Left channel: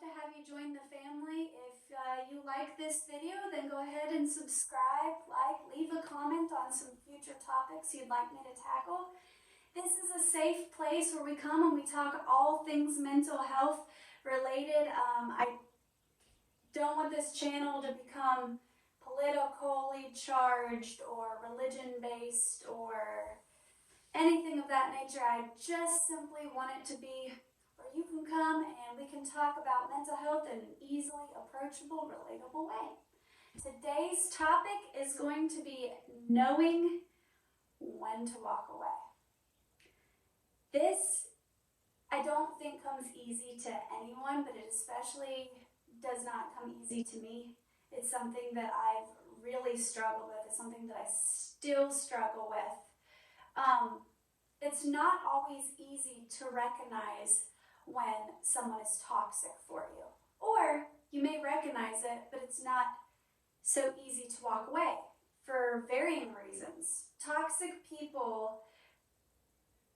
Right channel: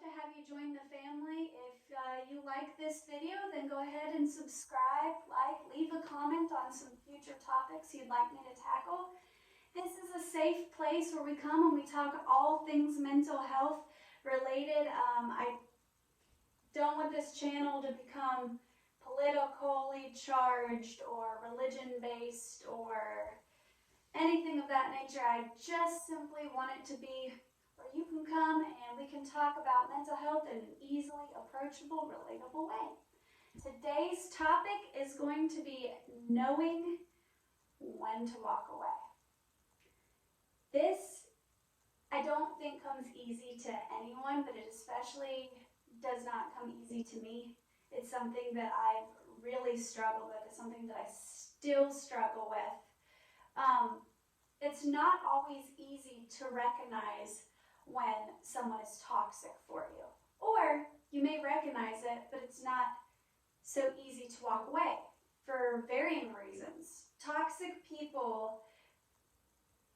to have you join the family. If you like this video, then go ahead and subscribe, leave a comment on some future topics you'd like me to tackle. This is a safe place where we come and we talk all things mental health related. I don't want this channel to become politically charged or religion-based or anything of that nature. I just simply want it to be where you can come and we can talk about mental health in an easily approachable, relatable way. Today's topic is going to be knowing when to walk away. This, I don't think, comes easy to anyone, but it especially does not come easy to me. It's something that I've really struggled with. It's something that I still struggle with. It's not always easy to recognize when someone is toxic for you. Or you may recognize it, but it's not so easy to walk away for varying reasons. Toxic people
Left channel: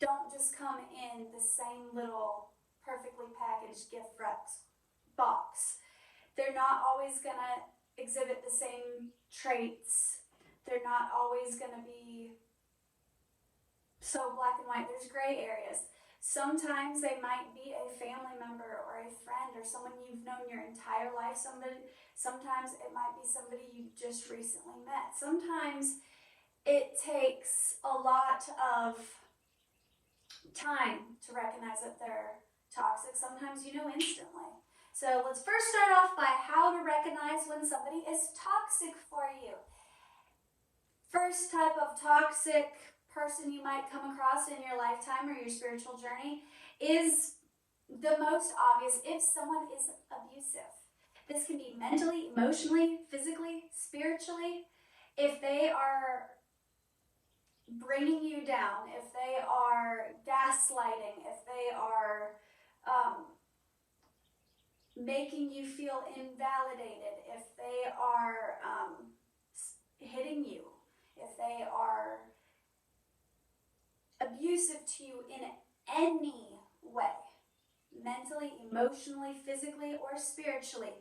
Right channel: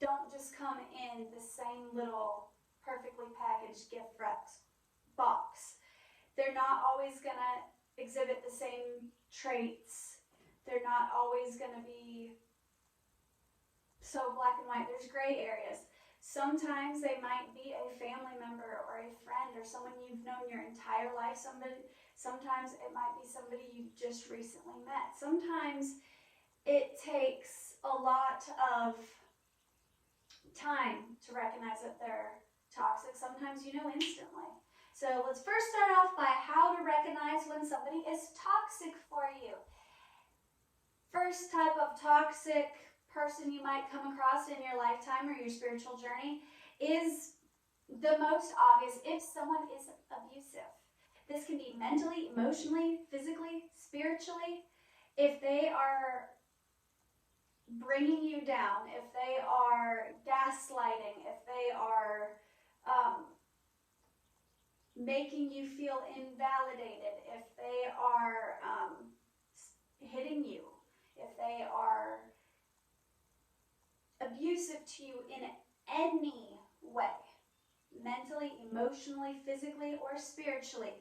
don't just come in the same little perfectly packaged gift box. They're not always going to exhibit the same traits. They're not always going to be so black and white. There's gray areas. Sometimes they might be a family member or a friend or someone you've known your entire life. Sometimes it might be somebody you just recently met. Sometimes it takes a lot of time to recognize that they're toxic. Sometimes you know instantly. So let's first start off by how to recognize when somebody is toxic for you. First type of toxic person you might come across in your lifetime or your spiritual journey is the most obvious if someone is abusive. This can be mentally, emotionally, physically, spiritually. If they are bringing you down, if they are gaslighting, if they are making you feel invalidated, if they are hitting you, if they are abusive to you in any way, mentally, emotionally, physically, or spiritually,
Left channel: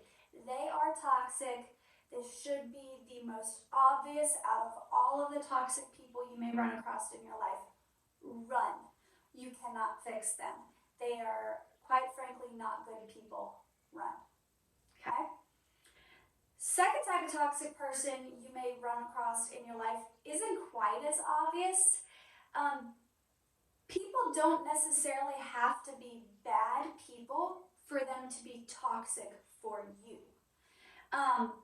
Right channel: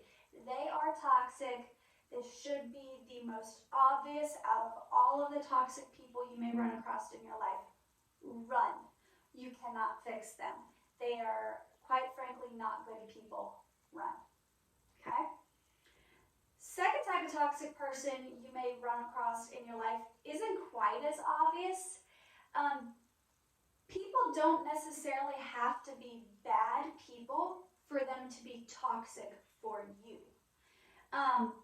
they are toxic. This should be the most obvious out of all of the toxic people you may run across in your life. Run. You cannot fix them. They are, quite frankly, not good people. Run. Okay? Second type of toxic person you may run across in your life isn't quite as obvious. People don't necessarily have to be bad people for them to be toxic for you.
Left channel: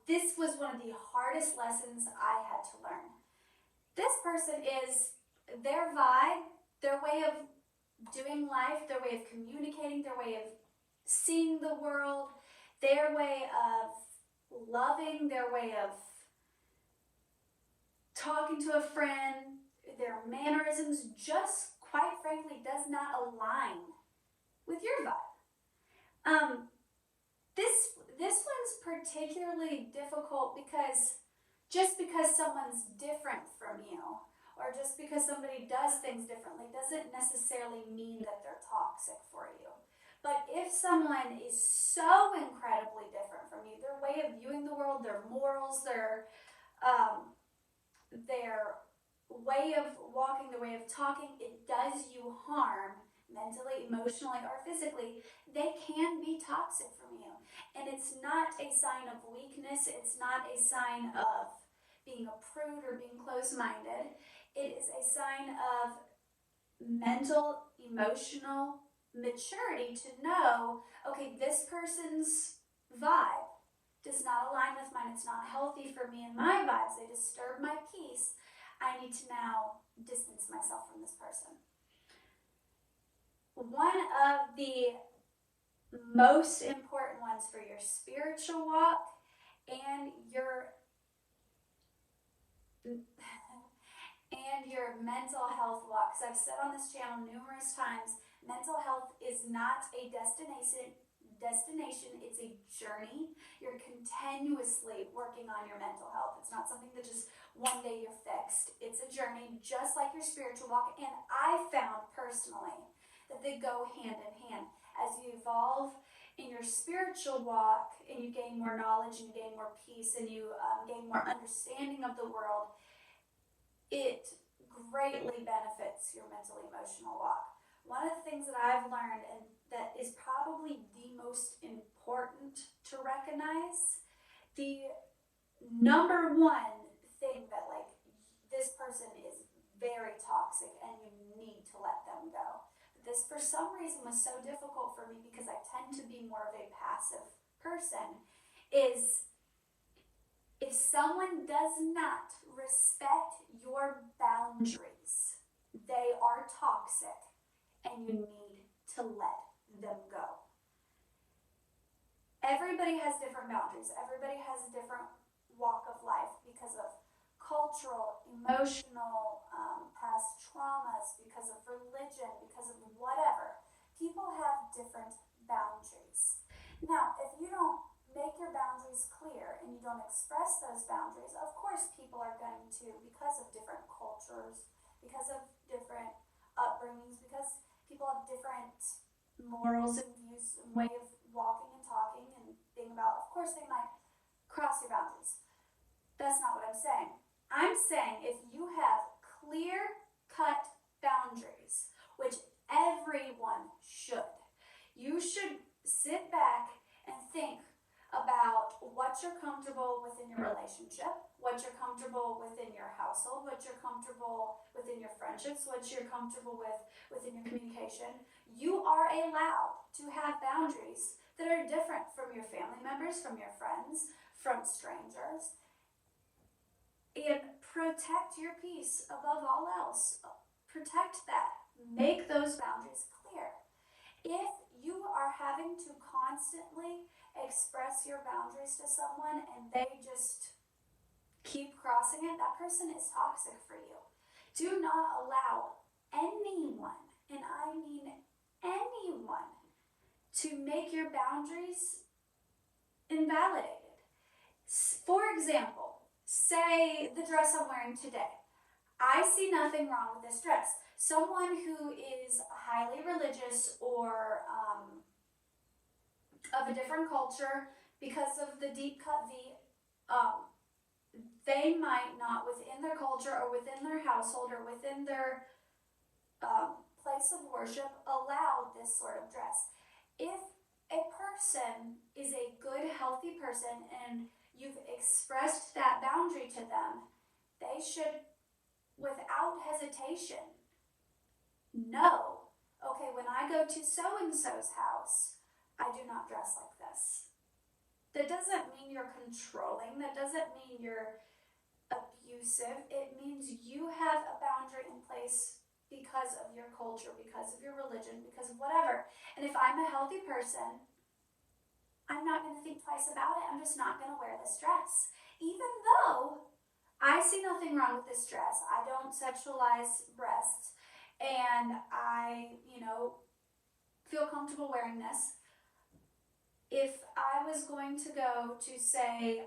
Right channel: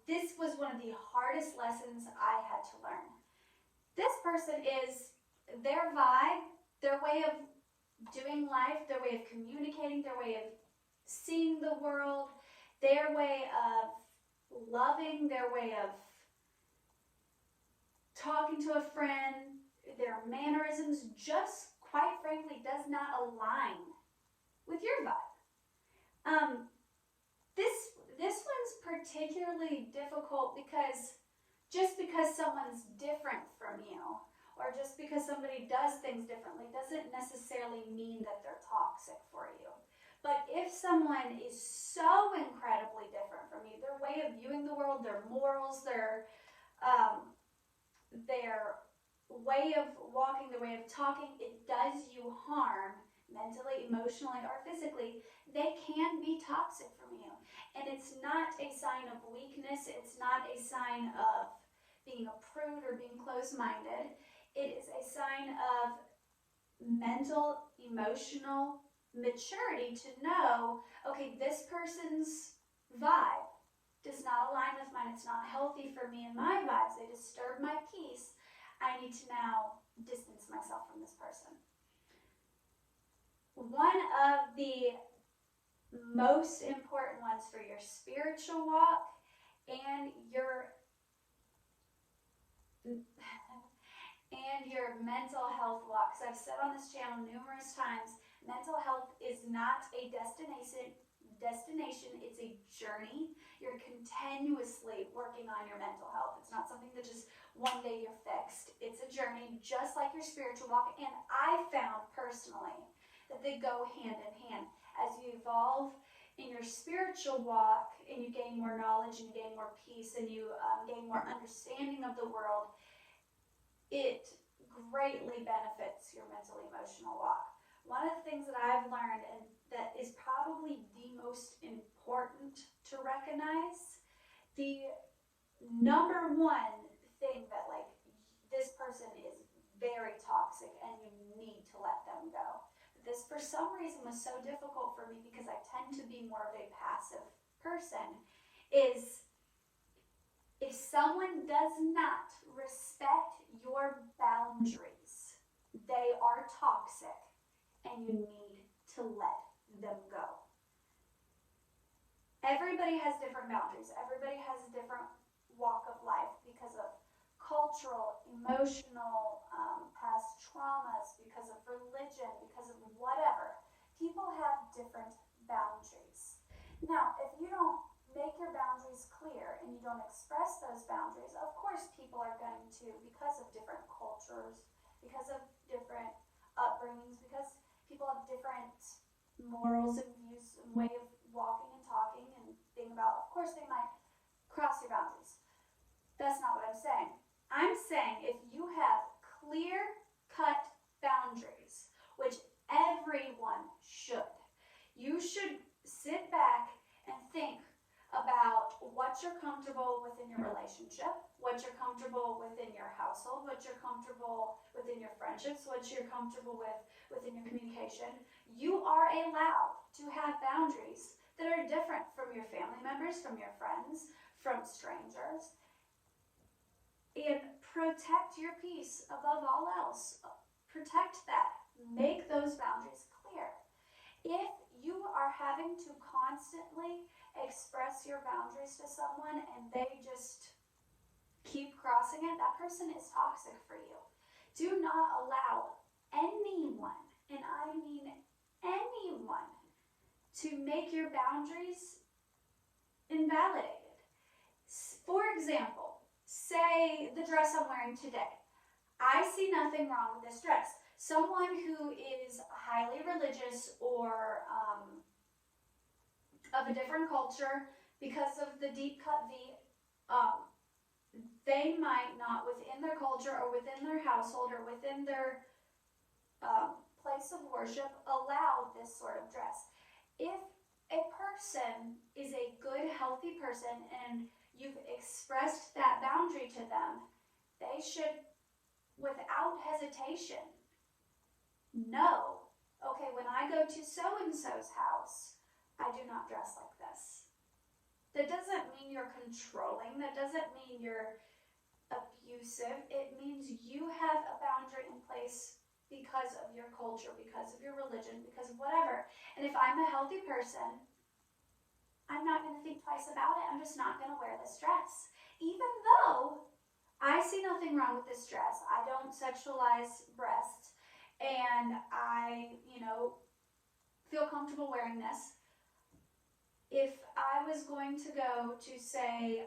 This was one of the hardest lessons I had to learn. This person is their vibe, their way of doing life, their way of communicating, their way of seeing the world, their way of loving, their way of talking to a friend, their mannerisms just quite frankly does not align with your vibe. This one's particularly difficult because just because someone's different from you or just because somebody does things differently doesn't necessarily mean that they're toxic for you. But if someone is so incredibly different from you, their way of viewing the world, their morals, their way of walking, their way of talking, it does you harm mentally, emotionally, or physically, they can be toxic from you. And it's not a sign of weakness. It's not a sign of being a prude or being closed-minded. It is a sign of mental, emotional maturity to know, okay, this person's vibe does not align with mine. It's not healthy for me and my vibes. They disturb my peace. I need to now distance myself from this person. One of the most important ones for your spiritual walk and your mental health walk, because I've said on this channel numerous times, mental health is not a destination, it's a journey. You're continuously working on your mental health. It's not something that just one day you're fixed. It's a journey just like your spiritual walk, and I found personally that they go hand in hand. As you evolve in your spiritual walk, and you gain more knowledge, and you gain more peace, and you gain more understanding of the world, it greatly benefits your mental emotional walk. One of the things that I've learned, and that is probably the most important to recognize, the number one thing that like this person is very toxic and you need to let them go. But this for some reason was so difficult for me because I tend to be more of a passive person, is if someone does not respect your boundaries, they are toxic and you need to let them go. Everybody has different boundaries. Everybody has a different walk of life because of cultural, emotional, past traumas, because of religion, because of whatever. People have different boundaries. Now, if you don't make your boundaries clear and you don't express those boundaries, of course people are going to, because of different cultures, because of different upbringings, because people have different morals and views and way of walking and talking and being about, of course they might cross your boundaries. That's not what I'm saying. I'm saying if you have clear-cut boundaries, which everyone should, you should sit back and think about what you're comfortable with in your relationship, what you're comfortable within your household, what you're comfortable within your friendships, what you're comfortable with within your communication. You are allowed to have boundaries that are different from your family members, from your friends, from strangers. And protect your peace above all else. Protect that. Make those boundaries clear. If you are having to constantly express your boundaries to someone and they just keep crossing it, that person is toxic for you. Do not allow anyone, and I mean anyone, to make your boundaries invalidated. For example, say the dress I'm wearing today. I see nothing wrong with this dress. Someone who is highly religious or of a different culture, because of the deep cut V, they might not, within their culture or within their household or within their place of worship, allow this sort of dress. If a person is a good, healthy person and you've expressed that boundary to them, they should, without hesitation, know, okay, when I go to so-and-so's house, I do not dress like this. That doesn't mean you're controlling. That doesn't mean you're abusive. It means you have a boundary in place because of your culture, because of your religion, because of whatever. And if I'm a healthy person, I'm not going to think twice about it. I'm just not going to wear this dress. Even though I see nothing wrong with this dress. I don't sexualize breasts. And I, feel comfortable wearing this. If I was going to go to, say,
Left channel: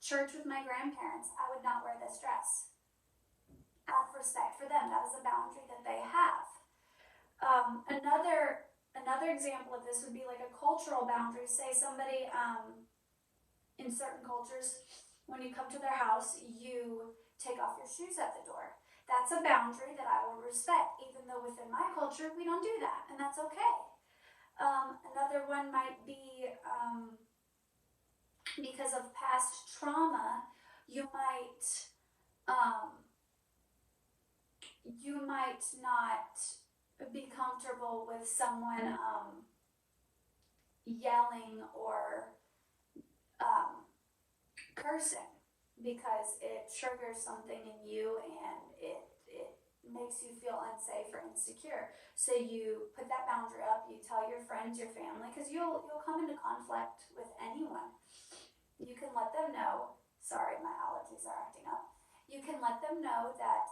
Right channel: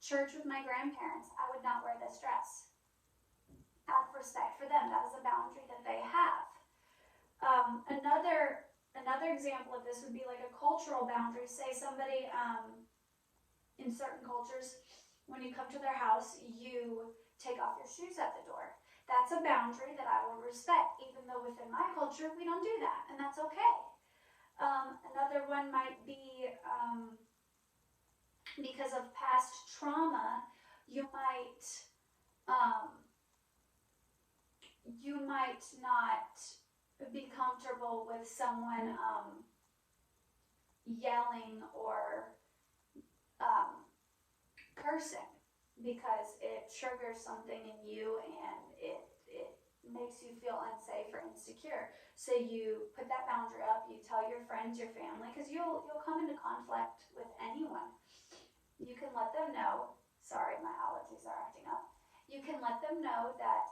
church with my grandparents, I would not wear this dress. Out of respect for them. That is a boundary that they have. Another example of this would be like a cultural boundary. Say somebody, in certain cultures, when you come to their house, you take off your shoes at the door. That's a boundary that I will respect, even though within my culture, we don't do that, and that's okay. Another one might be, because of past trauma, you might not be comfortable with someone yelling or cursing, because it triggers something in you and it makes you feel unsafe or insecure. So you put that boundary up, you tell your friends, your family, because you'll come into conflict with anyone. You can let them know, sorry, my allergies are acting up. You can let them know that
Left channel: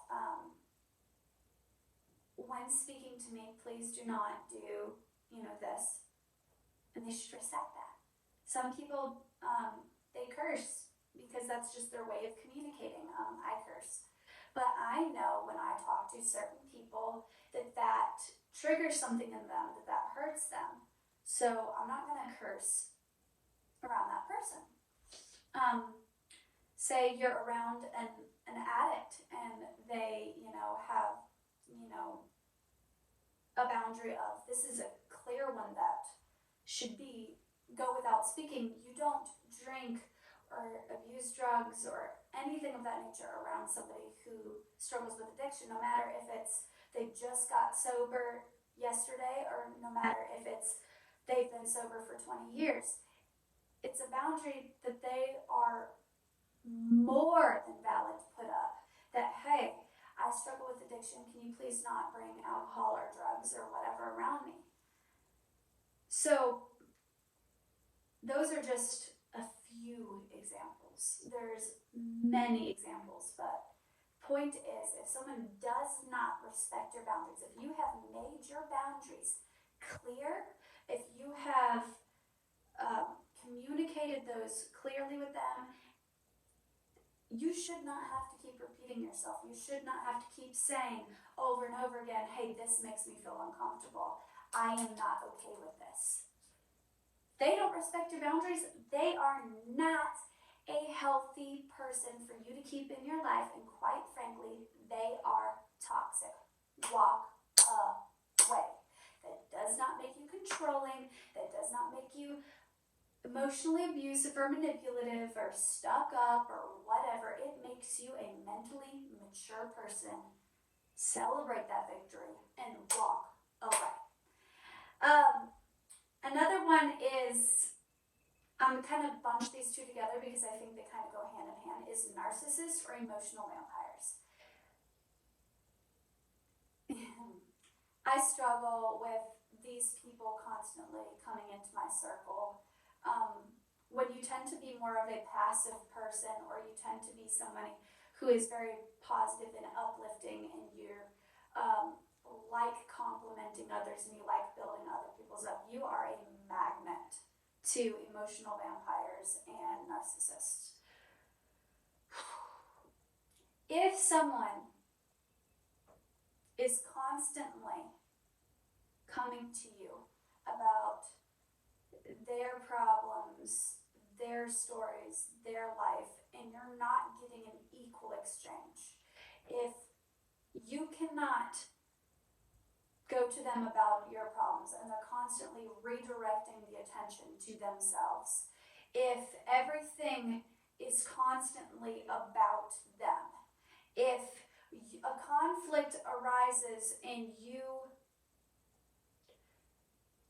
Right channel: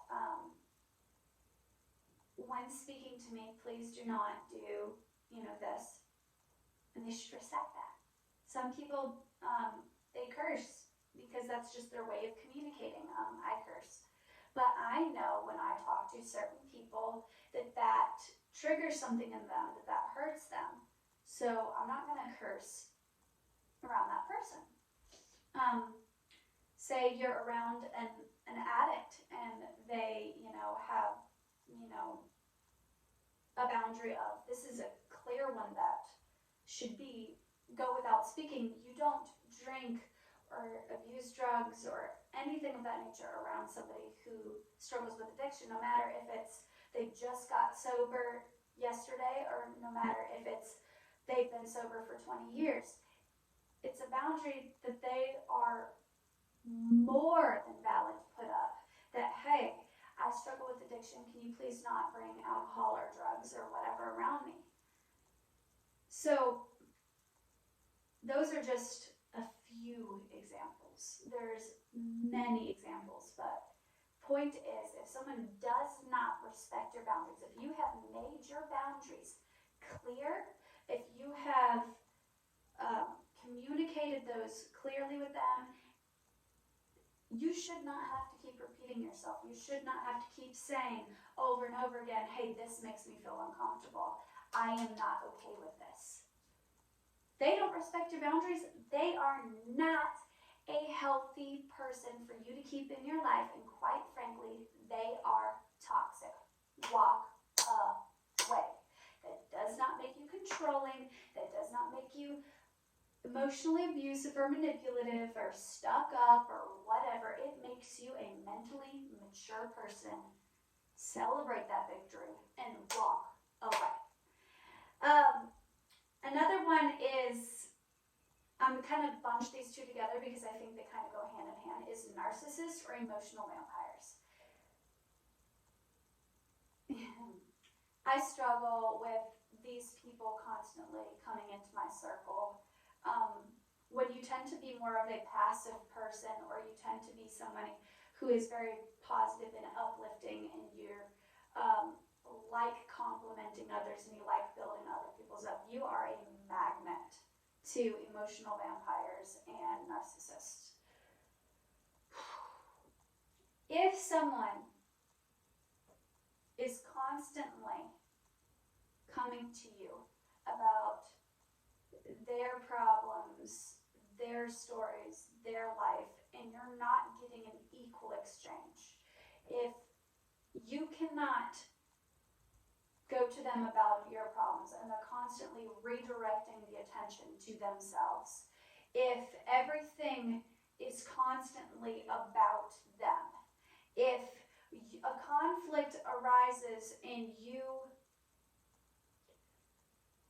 when speaking to me, please do not do, this. And they should respect that. Some people, they curse because that's just their way of communicating. I curse. But I know when I talk to certain people that triggers something in them, that hurts them. So I'm not going to curse around that person. Say you're around an addict and they, have, a boundary of this is a clear one that should be go without speaking. You don't drink or abuse drugs or anything of that nature around somebody who struggles with addiction, no matter if it's they just got sober yesterday or no matter if it's they've been sober for 20 years. It's a boundary that they are more than valid to put up. That, hey, I struggle with addiction. Can you please not bring alcohol or drugs or whatever around me? So those are just a few examples. There's many examples, but point is, if someone does not respect your boundaries, if you have made your boundaries clear, if you have communicated those clearly with them, you should not have to keep repeating yourself. You should not have to keep saying over and over again, hey, this makes me feel uncomfortable. I am not okay with this. They don't respect your boundaries. They are not a healthy person for you to keep in your life, and quite frankly, they are toxic. Walk away. That does not make you controlling. That does not make you emotionally abusive or manipulative or stuck up or whatever. It makes you a mentally mature person. Celebrate that victory and walk away. Another one is, I'm kind of bunch these two together because I think they kind of go hand in hand, is narcissists or emotional vampires. I struggle with these people constantly coming into my circle. When you tend to be more of a passive person, or you tend to be somebody who is very positive and uplifting, and you're like complimenting others and you like building other people's up, you are a magnet to emotional vampires and narcissists. If someone is constantly coming to you about their problems, their stories, their life, and you're not getting an equal exchange, if you cannot go to them about your problems and they're constantly redirecting the attention to themselves, if everything is constantly about them, if a conflict arises and you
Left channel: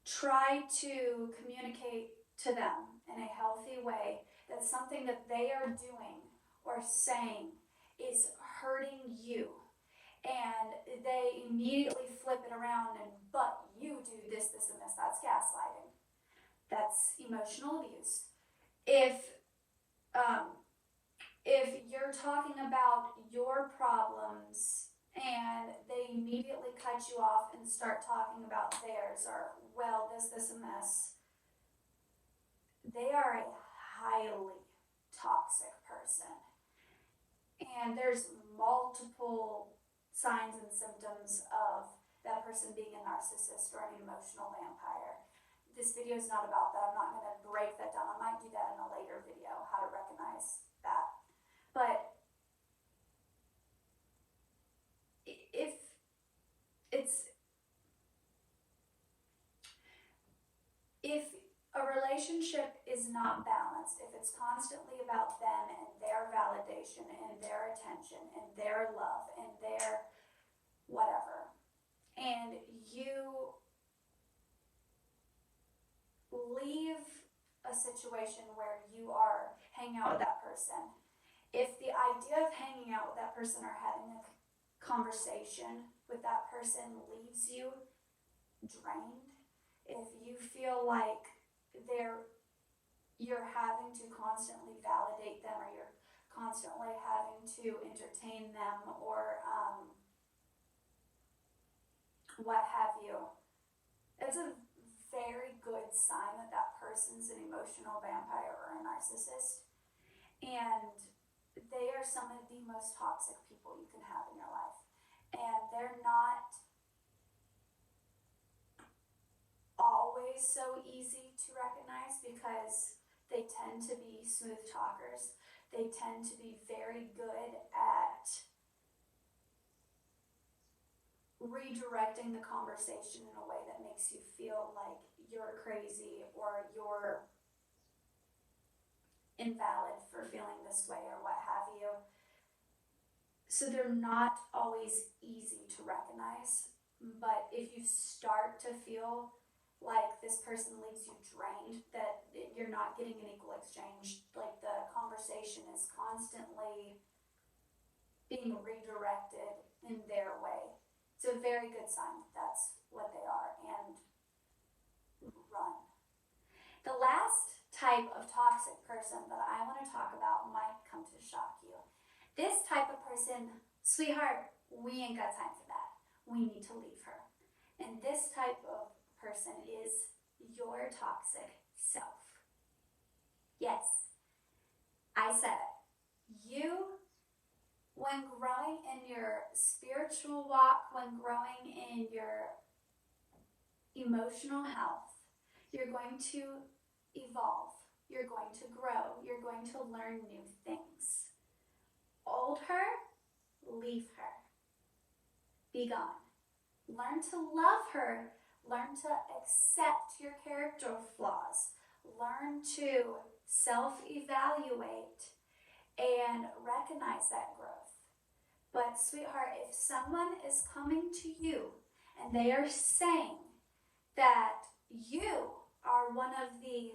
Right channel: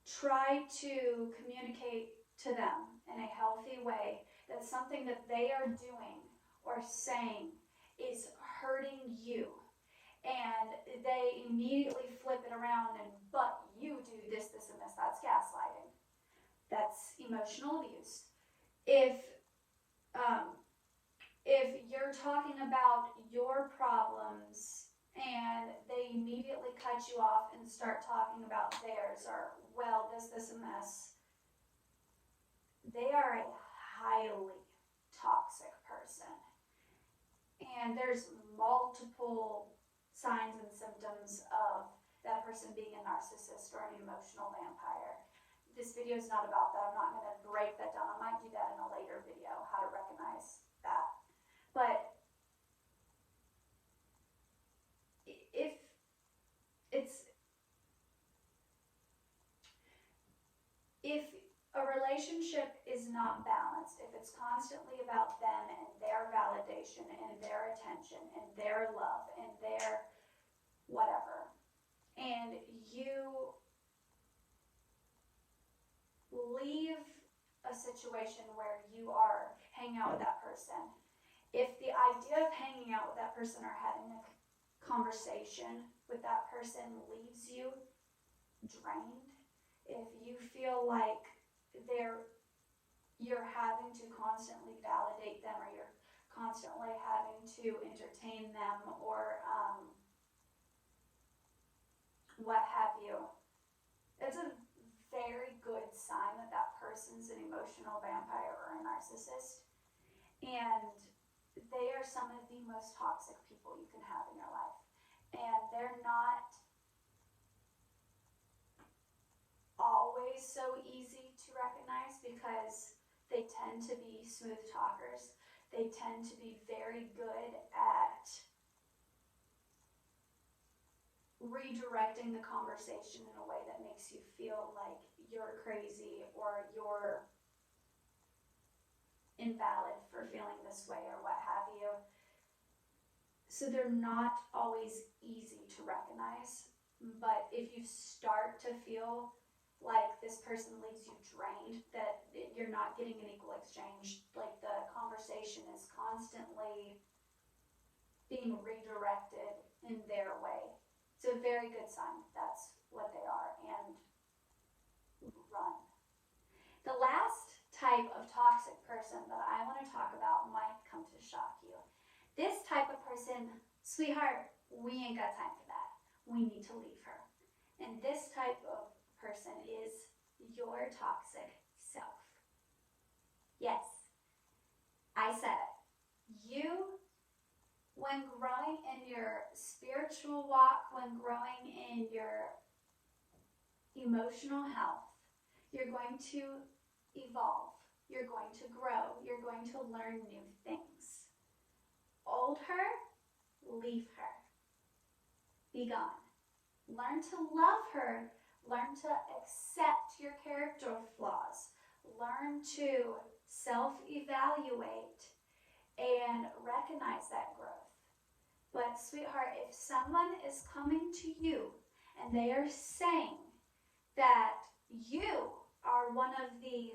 try to communicate to them in a healthy way that something that they are doing or saying is hurting you, and they immediately flip it around and, but you do this, this, and this, that's gaslighting. That's emotional abuse. If you're talking about your problems and they immediately cut you off and start talking about theirs, or, well, this, and this, they are a highly toxic person. And there's multiple signs and symptoms of that person being a narcissist or an emotional vampire. This video is not about that. I'm not going to break that down. I might do that in a later video, how to recognize that. But if a relationship is not balanced, if it's constantly about them and their validation and their attention and their love and their whatever, and you leave a situation where you are hanging out with that person, if the idea of hanging out with that person or having a conversation with that person leaves you drained, if you feel like you're having to constantly validate them, or you're constantly having to entertain them, or what have you, it's a very good sign that that person's an emotional vampire or a narcissist. And they are some of the most toxic people you can have in your life. And they're not always always so easy to recognize because they tend to be smooth talkers. They tend to be very good at redirecting the conversation in a way that makes you feel like you're crazy or you're invalid for feeling this way or what have you. So they're not always easy to recognize, but if you start to feel like this person leaves you drained, that you're not getting an equal exchange, like the conversation is constantly being redirected in their way, it's a very good sign that that's what they are, and run. The last type of toxic person that I want to talk about might come to shock you. This type of person, sweetheart, we ain't got time for that. We need to leave her. And this type of person is your toxic self. Yes, I said it. You, when growing in your spiritual walk, when growing in your emotional health, you're going to evolve. You're going to grow. You're going to learn new things. Hold her, leave her. Be gone. Learn to love her. Learn to accept your character flaws. Learn to self-evaluate and recognize that growth. But sweetheart, if someone is coming to you and they are saying that you are one of the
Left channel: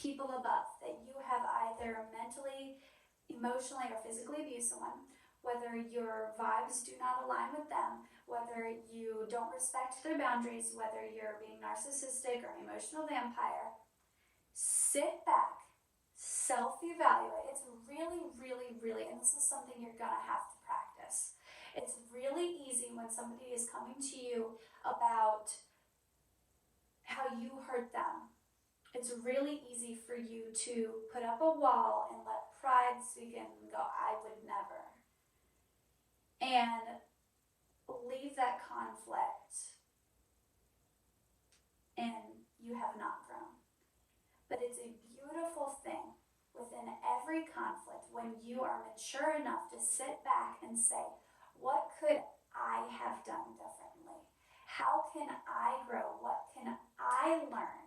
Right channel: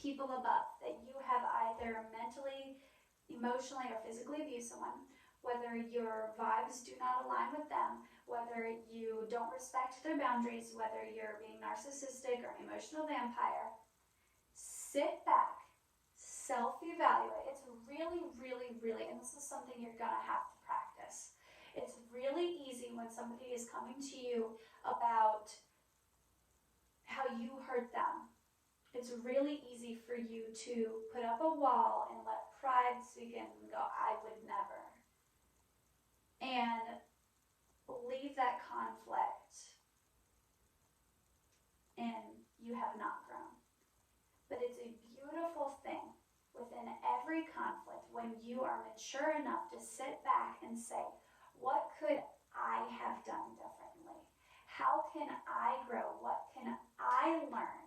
people above, that you have either mentally, emotionally, or physically abused someone, whether your vibes do not align with them, whether you don't respect their boundaries, whether you're being narcissistic or an emotional vampire, sit back, self-evaluate. It's really, really, really, and this is something you're gonna have to practice. It's really easy when somebody is coming to you about how you hurt them. It's really easy for you to put up a wall and let pride speak in and go, I would never. And leave that conflict, and you have not grown. But it's a beautiful thing within every conflict when you are mature enough to sit back and say, what could I have done differently? How can I grow? What can I learn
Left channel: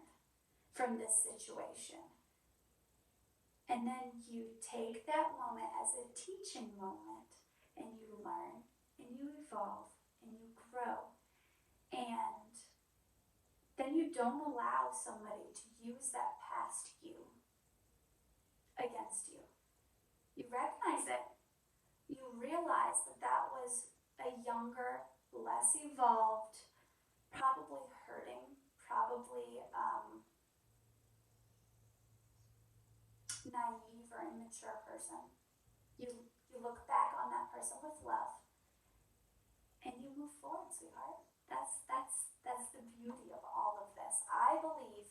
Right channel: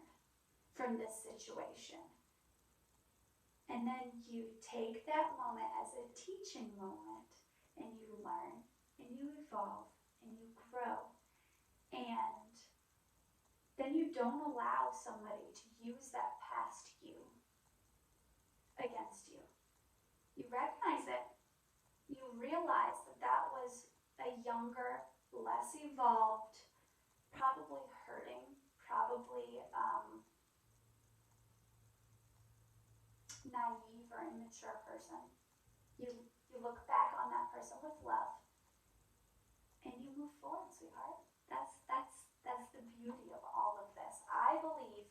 from this situation? And then you take that moment as a teaching moment, and you learn, and you evolve, and you grow. And then you don't allow somebody to use that past you against you. You recognize it. You realize that that was a younger, less evolved, probably hurting, probably naive or immature person. You look back on that person with love, and you move forward, sweetheart. That's the beauty of all of this. I believe,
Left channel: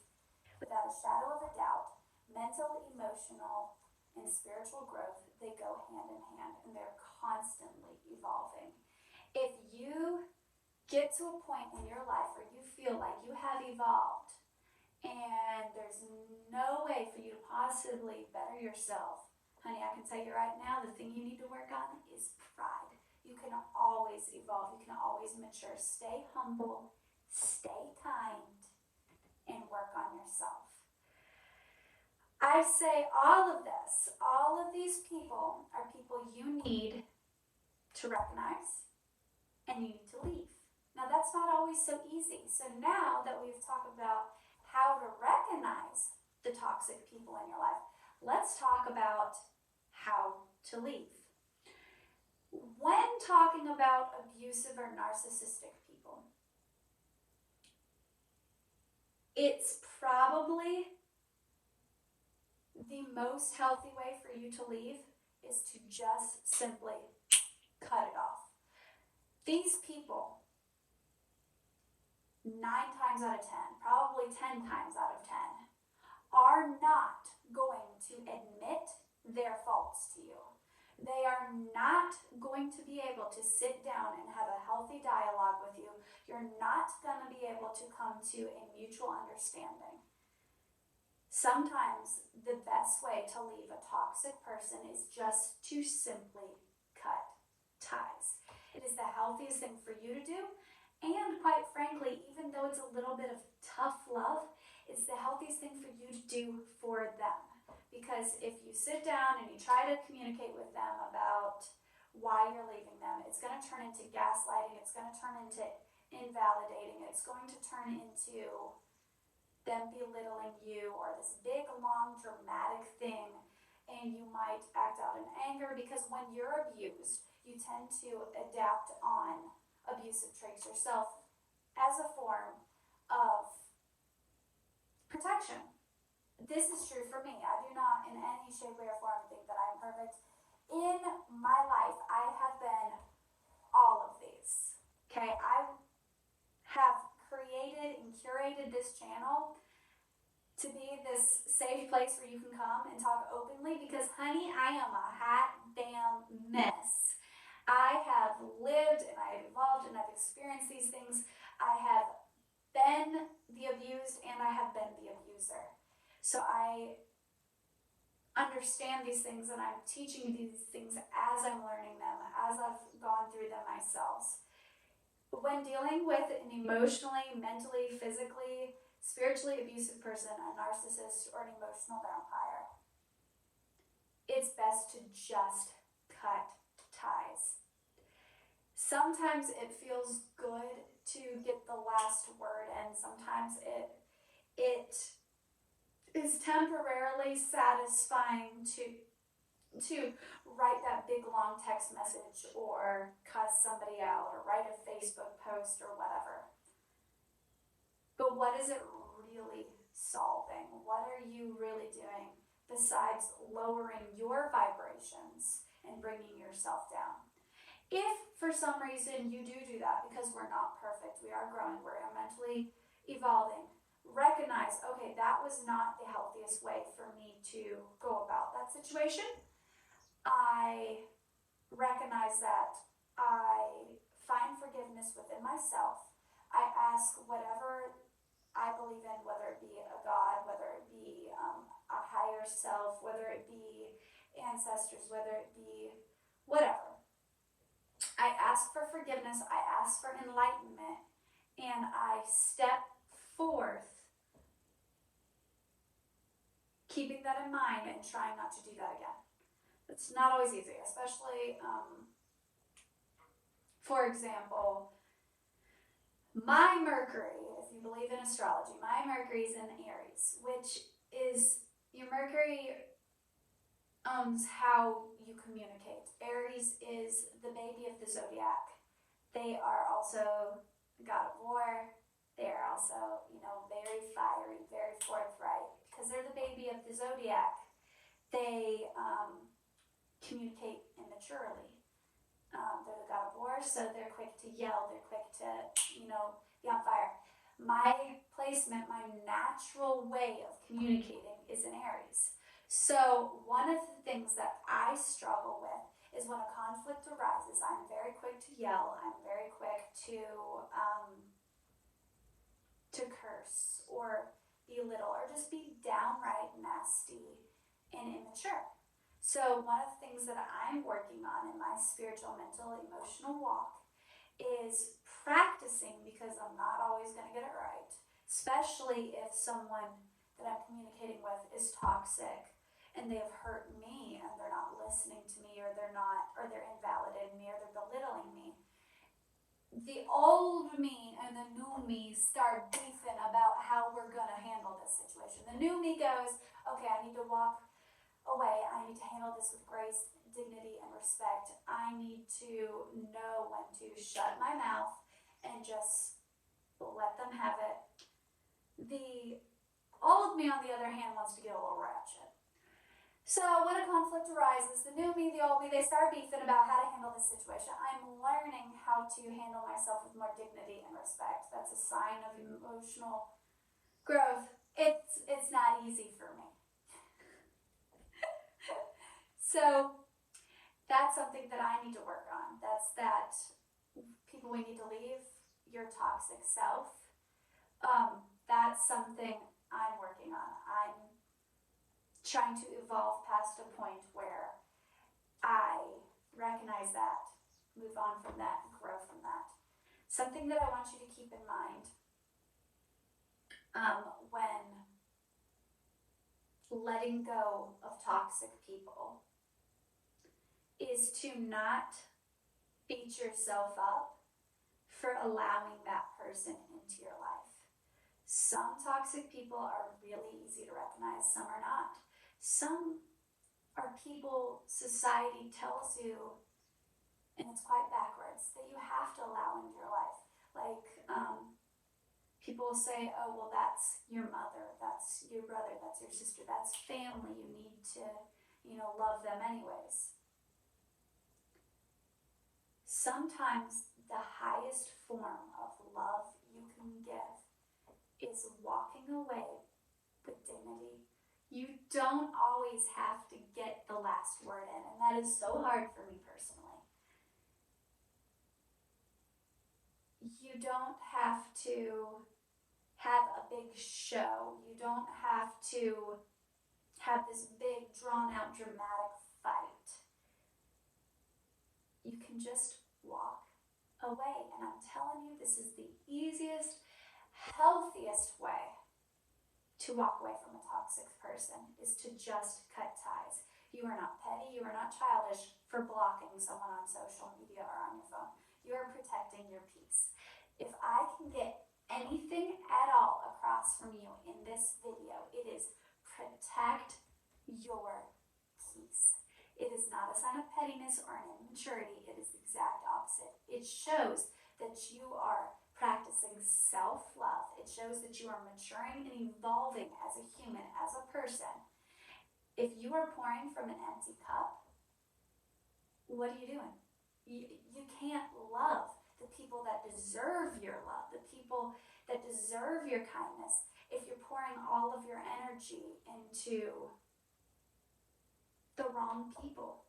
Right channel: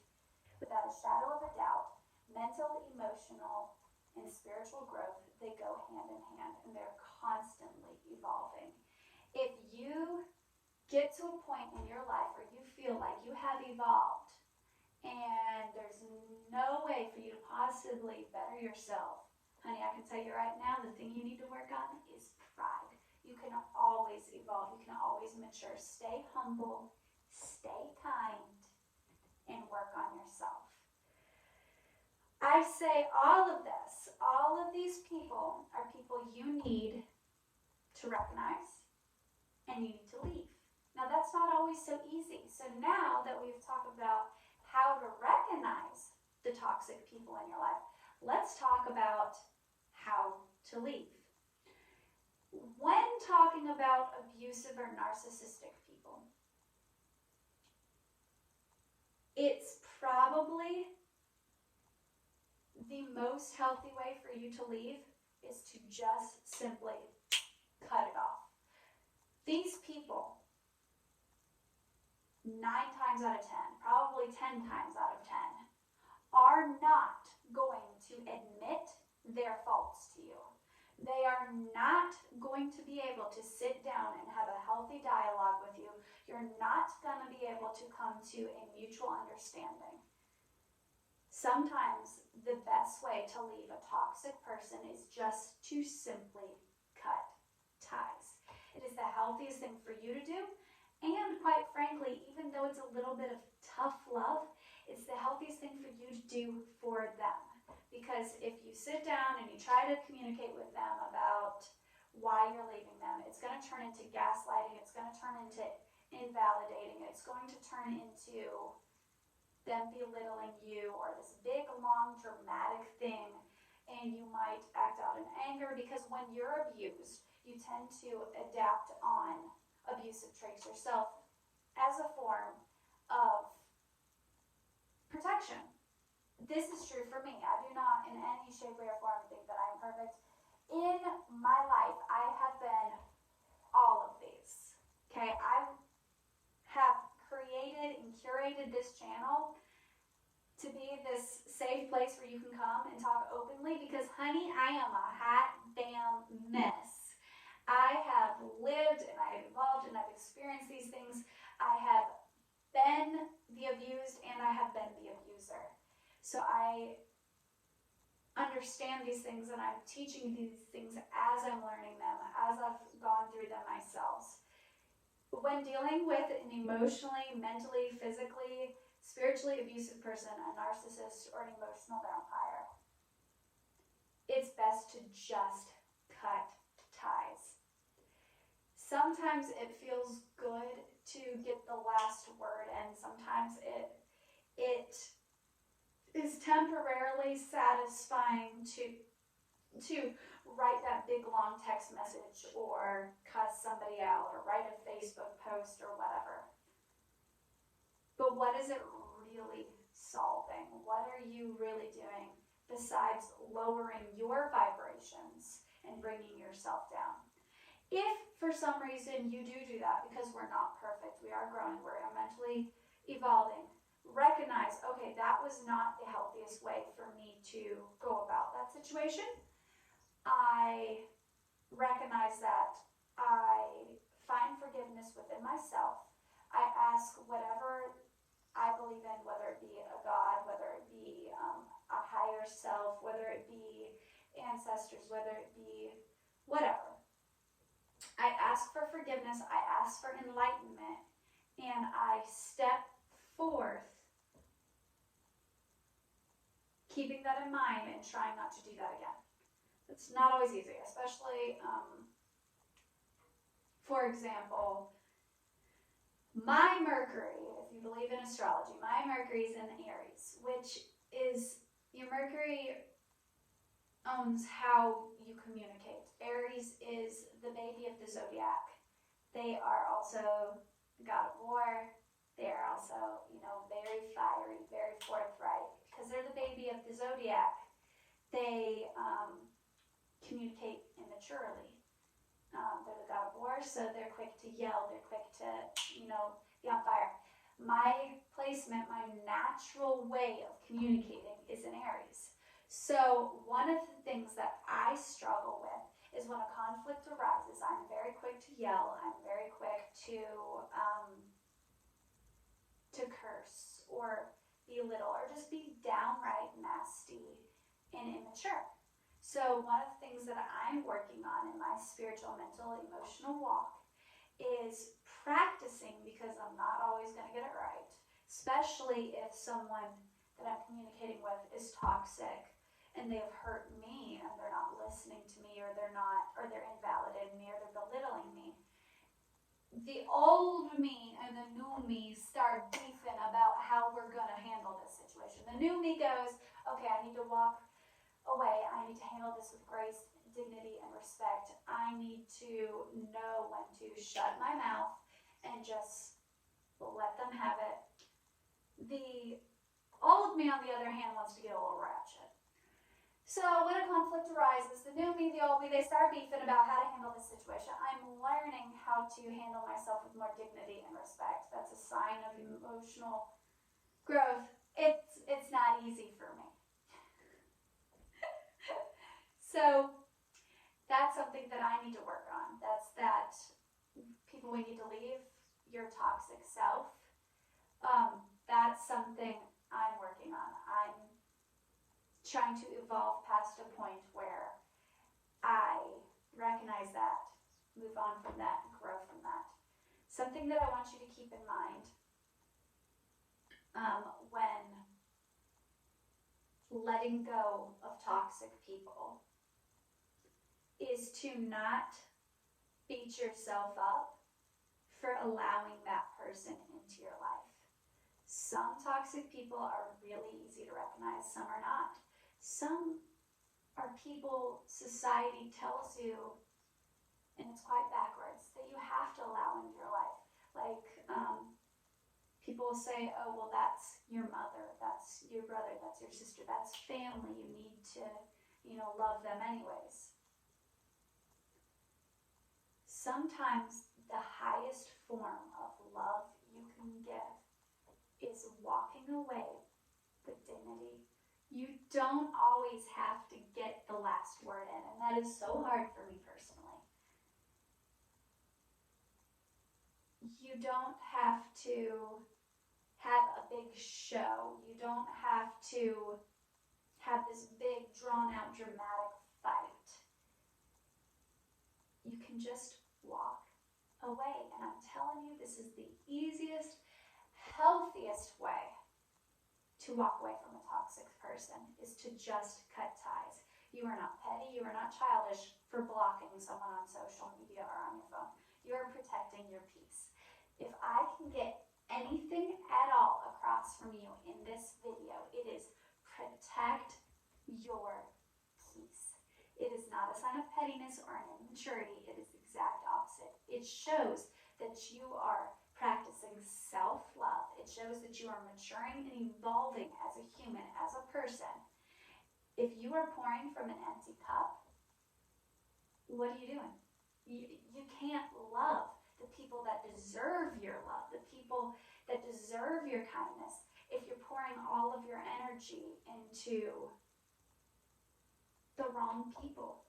without a shadow of a doubt, mental, emotional, and spiritual growth, they go hand in hand, and they're constantly evolving. If you get to a point in your life where you feel like you have evolved and there's no way for you to possibly better yourself, honey, I can tell you right now, the thing you need to work on is pride. You can always evolve. You can always mature. Stay humble, stay kind, and work on yourself. I say all of this, all of these people are people you need to recognize and you need to leave. Now, that's not always so easy. So now that we've talked about how to recognize the toxic people in your life, let's talk about how to leave. When talking about abusive or narcissistic people, it's probably the most healthy way for you to leave is to just simply cut it off. These people, 9 times out of 10, probably 10 times out of 10, are not going to admit their faults to you. They are not going to be able to sit down and have a healthy dialogue with you. you're not going to be able to come to a mutual understanding. Sometimes the best way to leave a toxic person is just to simply cut ties. It is the healthiest thing for you to do, and quite frankly, even though it's a little bit of tough love, it's the healthiest thing for you to do for them. Because if you sit down and you try to communicate with them about why you're leaving them, it's going to turn into gaslighting, it's going to turn into invalidating, it's going to turn into them belittling you or this big, long, dramatic thing, and you might act out in anger because when you're abused, you tend to adapt on abusive traits yourself as a form of protection. This is true for me. I do not in any shape, way, or form think that I'm perfect. In my life, I have been all of these. Okay, I have created and curated this channel to be this safe place where you can come and talk openly because, honey, I am a hot damn mess. I have lived and I have evolved and I've experienced these things. I have been the abused and I have been the abuser. So I understand these things and I'm teaching these things as I'm learning them, as I've gone through them myself. When dealing with an emotionally, mentally, physically, spiritually abusive person, a narcissist, or an emotional vampire, it's best to just cut ties. Sometimes it feels good to get the last word, and sometimes it is temporarily satisfying to write that big long text message or cuss somebody out or write a Facebook post or whatever. But what is it really solving? What are you really doing besides lowering your vibrations and bringing yourself down? If for some reason you do that, because we're not perfect, we are growing, we're mentally evolving, recognize, okay, that was not the healthiest way for me to go about that situation. I recognize that. I find forgiveness within myself. I ask whatever I believe in, whether it be a God, whether it be a higher self, whether it be ancestors, whether it be whatever. I ask for forgiveness, I ask for enlightenment, and I step forth, keeping that in mind and trying not to do that again. It's not always easy, especially, for example, my Mercury, if you believe in astrology, my Mercury is in Aries, which is, your Mercury owns how you communicate. Aries is the baby of the zodiac. They are also the god of war. They are also, very fiery, very forthright. Because they're the baby of the zodiac, they communicate immaturely. They're the god of war, so they're quick to yell, they're quick to, be on fire. My placement, my natural way of communicating is in Aries. So one of the things that I struggle with is when a conflict arises, I'm very quick to yell, I'm very quick to curse or belittle or just be downright nasty and immature. So one of the things that I'm working on in my spiritual, mental, emotional walk is practicing, because I'm not always going to get it right, especially if someone that I'm communicating with is toxic and they've hurt me and they're not listening to me, or they're invalidating me, or they're belittling me. The old me and the new me start beefing about how we're going to handle this situation. The new me goes, okay, I need to walk away. I need to handle this with grace, dignity, and respect. I need to know when to shut my mouth and just let them have it. The old me, on the other hand, wants to get a little ratchet. So when a conflict arises, the new me, the old me, they start beefing about how to handle this situation. I'm learning how to handle myself with more dignity and respect. That's a sign of emotional growth. It's not easy for me. So that's something that I need to work on. That's that people we need to leave, your toxic self, that's something I'm working on. I'm trying to evolve past a point where I recognize that, move on from that, and grow from that. Something that I want you to keep in mind when letting go of toxic people is to not beat yourself up for allowing that person into your life. Some toxic people are really easy to recognize, some are not. Some are people society tells you, and it's quite backwards, that you have to allow into your life. Like, people will say, oh, well, that's your mother, that's your brother, that's your sister, that's family. You need to, love them anyways. Sometimes the highest form of love you can give is walking away with dignity. You don't always have to get the last word in, and that is so hard for me personally. You don't have to have a big show. You don't have to have this big, drawn-out, dramatic fight. You can just walk away. And I'm telling you, this is the easiest, healthiest way to walk away from a toxic person, is to just cut ties. You are not petty, you are not childish for blocking someone on social media or on your phone. You are protecting your peace. If I can get anything at all across from you in this video, it is protect your peace. It is not a sign of pettiness or an immaturity. It is the exact opposite. It shows that you are practicing self-love. It shows that you are maturing and evolving as a human, as a person. If you are pouring from an empty cup, what are you doing? You can't love the people that deserve your love, the people that deserve your kindness, if you're pouring all of your energy into the wrong people.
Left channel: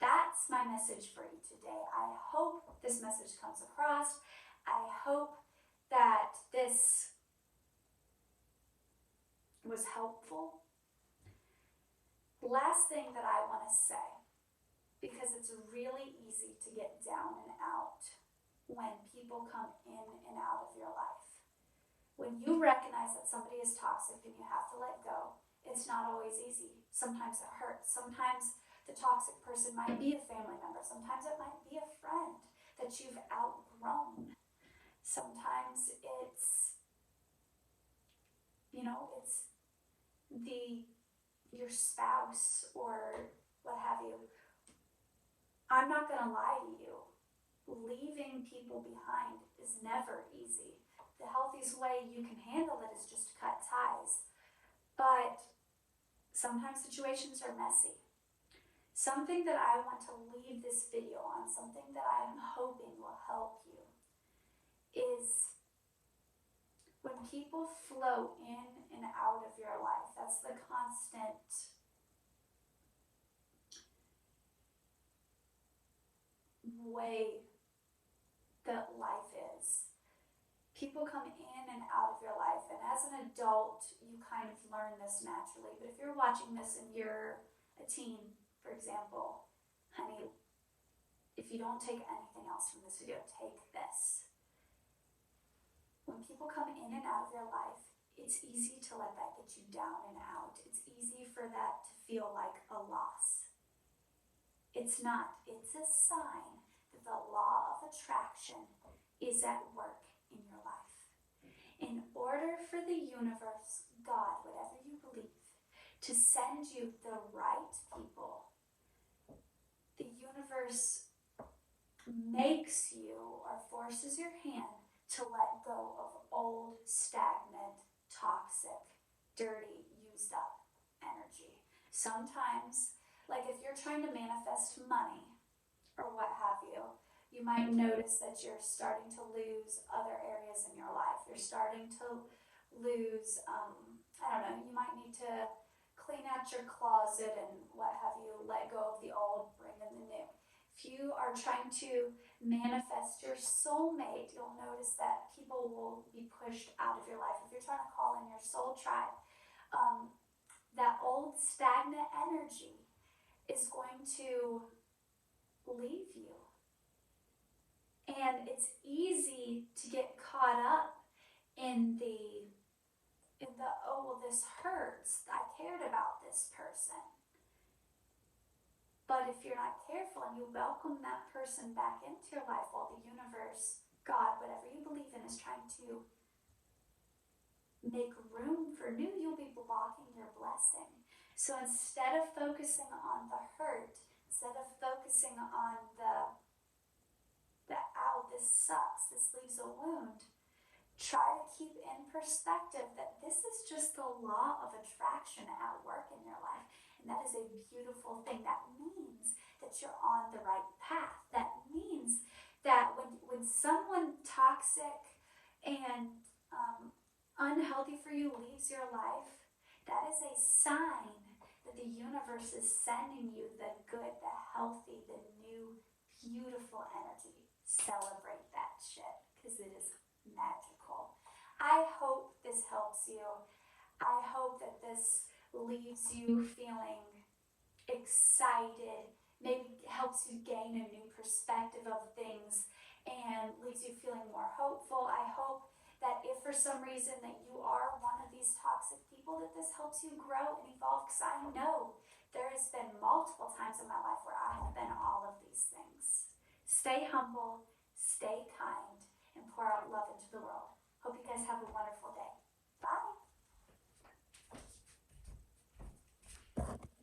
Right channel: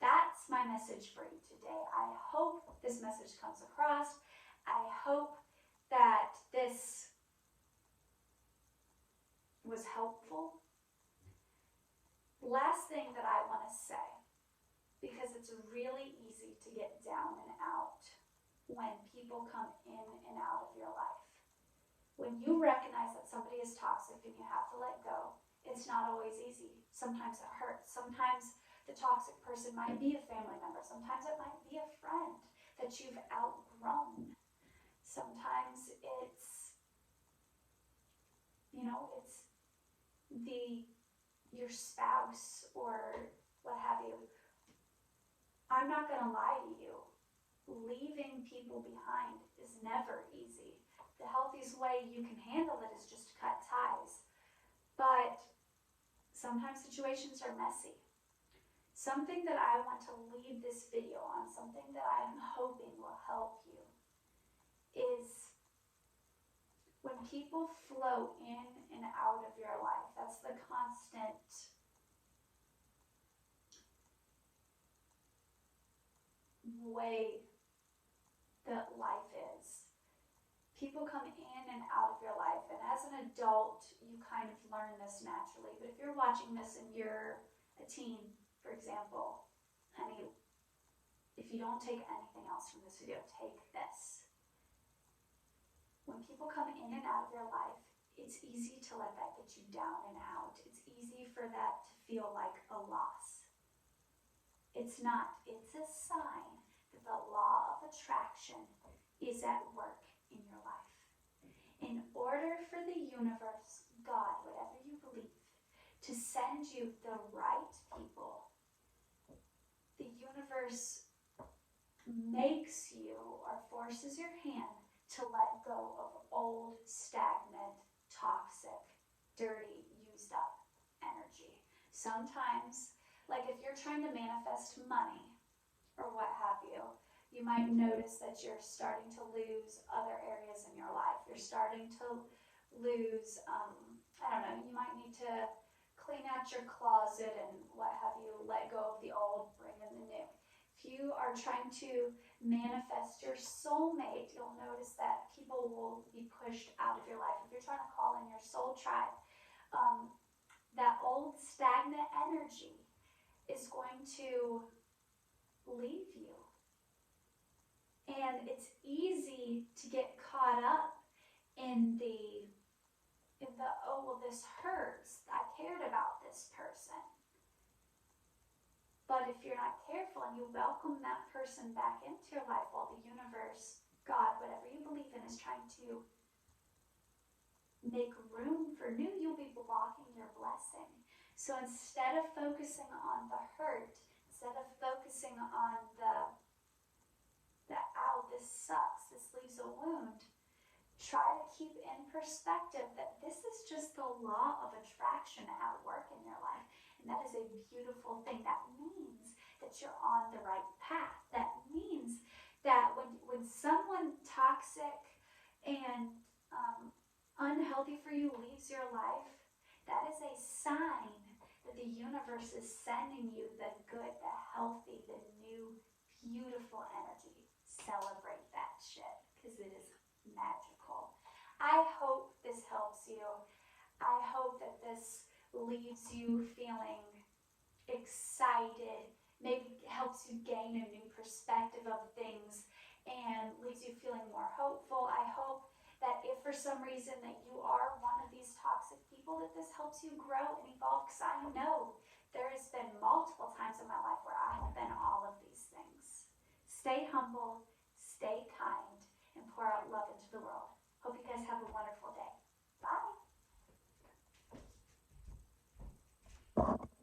That's my message for you today. I hope this message comes across. I hope that this was helpful. Last thing that I want to say, because it's really easy to get down and out when people come in and out of your life. When you recognize that somebody is toxic and you have to let go, it's not always easy. Sometimes it hurts. Sometimes the toxic person might be a family member. Sometimes it might be a friend that you've outgrown. Sometimes it's, it's your spouse or what have you. I'm not going to lie to you. Leaving people behind is never easy. The healthiest way you can handle it is just to cut ties. But sometimes situations are messy. Something that I want to leave this video on, something that I am hoping will help you, is when people flow in and out of your life, that's the constant way that life is. People come in and out of your life, and as an adult, you kind of learn this naturally. But if you're watching this and you're a teen, for example, honey, if you don't take anything else from this video, take this. When people come in and out of your life, it's easy to let that get you down and out. It's easy for that to feel like a loss. It's not. It's a sign that the law of attraction is at work in your life. In order for the universe, God, whatever you believe, to send you the right people, the universe makes you or forces your hand to let go of old, stagnant, toxic, dirty, used up energy. Sometimes, like if you're trying to manifest money or what have you, you might notice that you're starting to lose other areas in your life. You're starting to lose, you might need to clean out your closet and what have you, let go of the old, bring in the new. If you are trying to manifest your soulmate, you'll notice that people will be pushed out of your life. If you're trying to call in your soul tribe, that old stagnant energy is going to leave you. And it's easy to get caught up in the oh, well, this hurts. I cared about this person. But if you're not careful and you welcome that person back into your life while the universe, God, whatever you believe in, is trying to make room for new, you'll be blocking your blessing. So instead of focusing on the hurt, instead of focusing on the ow, this sucks, this leaves a wound, try to keep in perspective that this is just the law of attraction at work in your life. And that is a beautiful thing. That means that you're on the right path. That means that when someone toxic and unhealthy for you leaves your life, that is a sign that the universe is sending you the good, the healthy, the new, beautiful energy. Celebrate that shit, because it is magical. I hope this helps you. I hope that this leaves you feeling excited, maybe helps you gain a new perspective of things, and leaves you feeling more hopeful. I hope that if for some reason that you are one of these toxic people, that this helps you grow and evolve, because I know there has been multiple times in my life where I have been all of these things. Stay humble, stay kind, and pour out love into the world. Hope you guys have a